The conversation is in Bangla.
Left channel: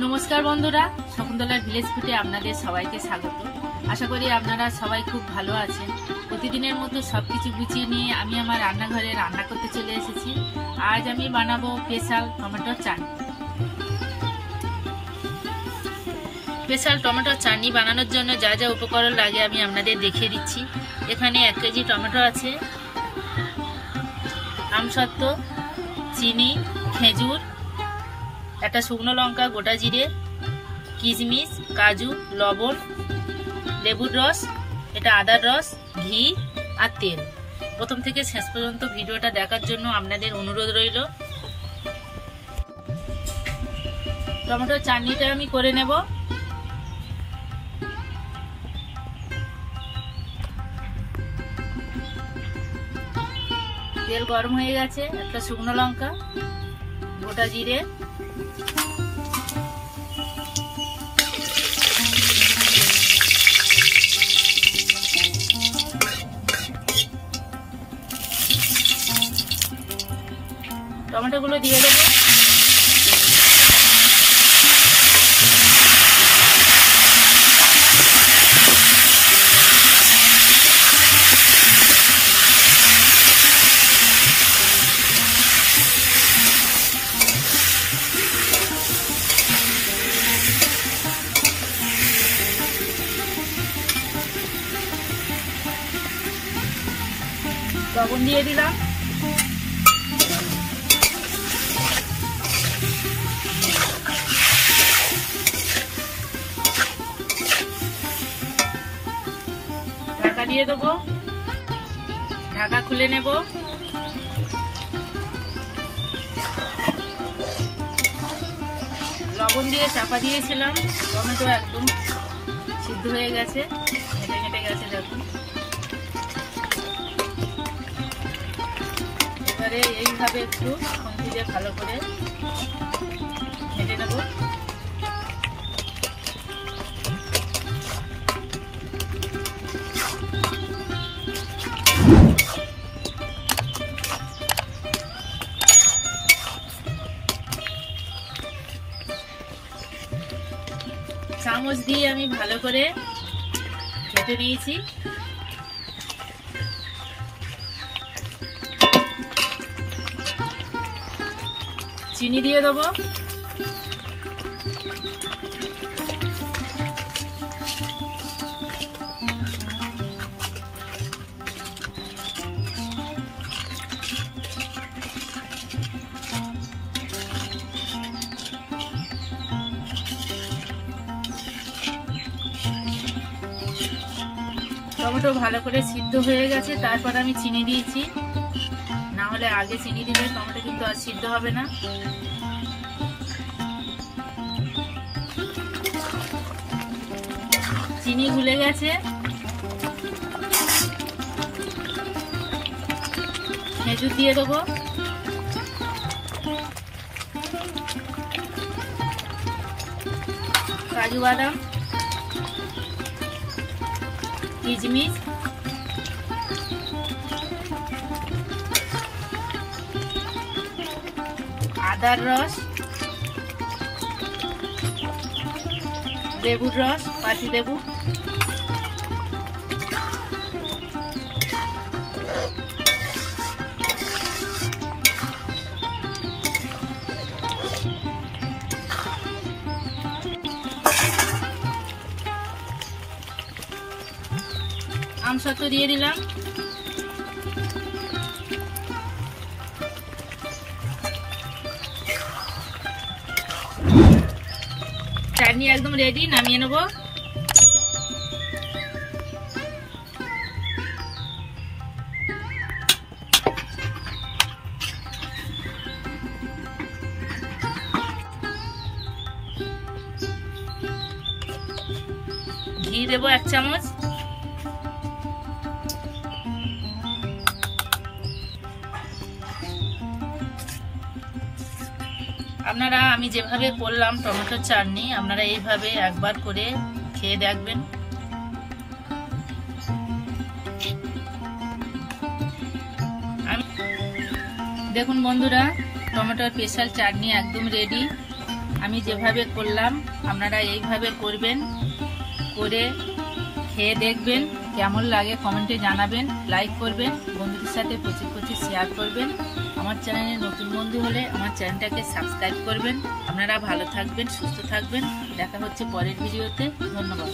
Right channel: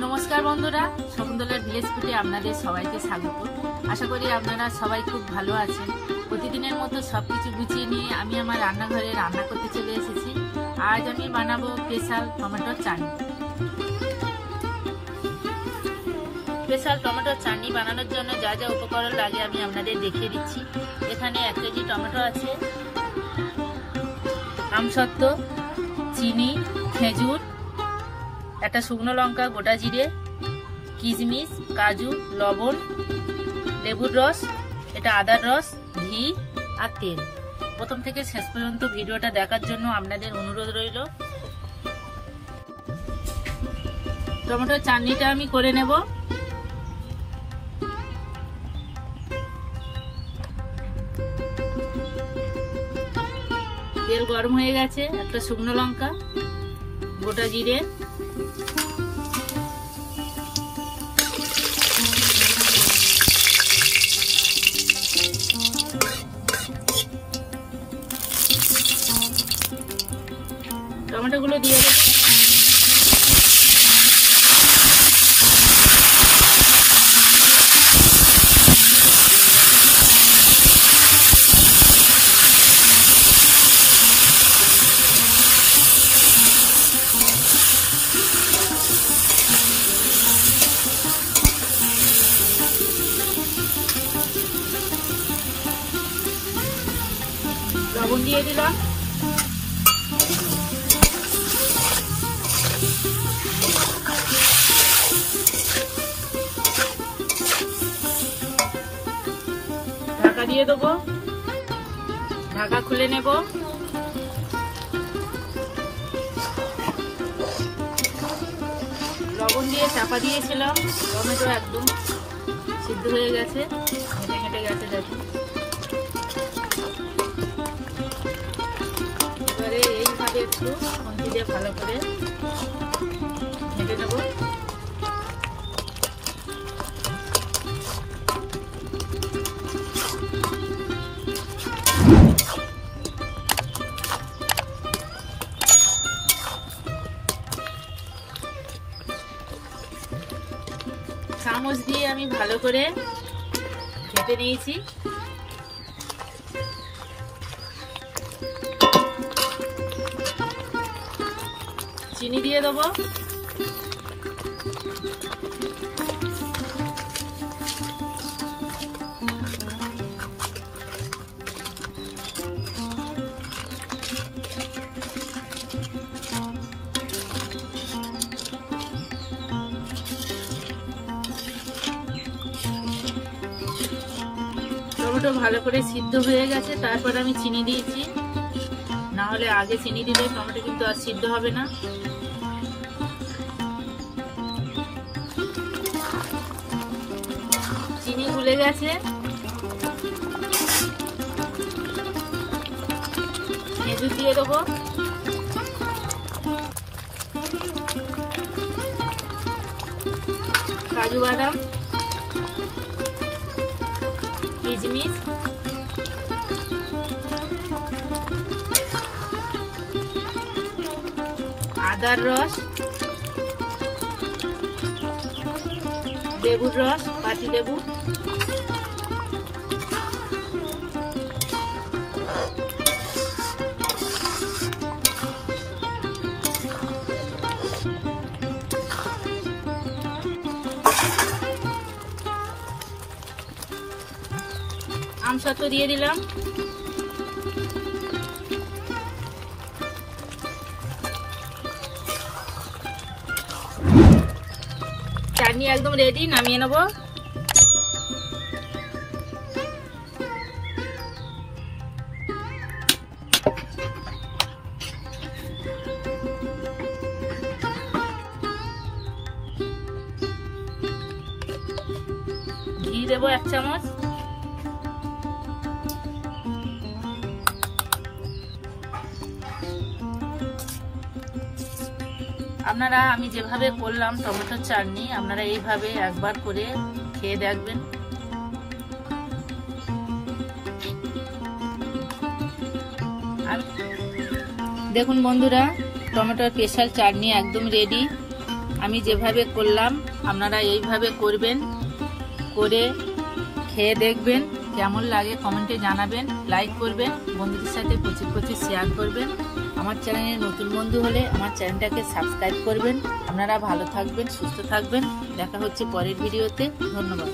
नमस्कार बंधुरा शकुन्तलार ভিলেজ ফুডে আপনাদের সবাইকে স্বাগত। আশা করি আপনারা সবাই খুব ভালো আছেন। প্রতিদিনের মতো সবকিছু গুছিয়ে নিয়ে আমি আমার রান্নাঘরে রান্না করতে চলে এসেছি। আজ আমি বানাবো স্পেশাল টমেটোর চাটনি। স্পেশাল টমেটোর চাটনি বানানোর জন্য যা যা উপকরণ লাগে আমি আপনাদের দেখিয়ে দিচ্ছি। এখানে 1 কেজি টমেটো আছে, আমসত্ত্ব, চিনি, খেজুর, একটা শুকনো লঙ্কা, গোটা জিরে, কিশমিশ, কাজু, লবণ, লেবুর রস, এটা আদার রস, ঘি আর তেল। প্রথম থেকে শেষ পর্যন্ত ভিডিওটা দেখার জন্য আপনাদের অনুরোধ রইল। টমেটোর চাটনিটা আমি করে নেব। তেল গরম হয়ে গেছে, একটা শুকনো লঙ্কা, গোটা জিরে, টমেটোগুলো দিয়ে দেবো। লবণ দিয়ে দিলাম। ঢাকা দিয়ে দেবো, ঢাকা খুলে নেব। লবণ দিয়ে চাপা দিয়েছিলাম, টমেটো একদম সিদ্ধ হয়ে গেছে, ঘেটে ঘেটে গেছে দেখুন। এবারে এইভাবে একটু খুন্তি দিয়ে ভালো করে ঘেটে নেব। চামচ দিয়ে আমি ভালো করে ঘেটে নিয়েছি। চিনি দিয়ে দেবো, টমেটো ভালো করে সিদ্ধ হয়ে গেছে, তারপর আমি চিনি দিয়েছি। না হলে আগে চিনি দিলে টমেটো কিন্তু আর সিদ্ধ হবে না। চিনি গুলে গেছে, খেজুর দিয়ে দেবো, কাজু বাদাম, কিশমিশ, আদার রস, লেবুর রস, পাতি লেবু, আমসত্ত্ব দিয়ে দিলাম। চাটনি একদম রেডি, নামিয়ে নেব। ঘি দেবো 1 চামচ। আপনারা আমি যেভাবে করলাম টমেটোর চাটনি, আপনারা এইভাবে একবার করে খেয়ে দেখবেন। দেখুন বন্ধুরা, টমেটোর স্পেশাল চাটনি একদম রেডি। আমি যেভাবে করলাম আপনারা এইভাবে করবেন, করে খেয়ে দেখবেন কেমন লাগে কমেন্টে জানাবেন, লাইক করবেন, বন্ধুদের সাথে প্রচুর শেয়ার করবেন। আমার চ্যানেলে নতুন বন্ধু হলে আমার চ্যানেলটাকে সাবস্ক্রাইব করবেন। আপনারা ভালো থাকবেন, সুস্থ থাকবেন। দেখা হচ্ছে পরের ভিডিওতে। ধন্যবাদ।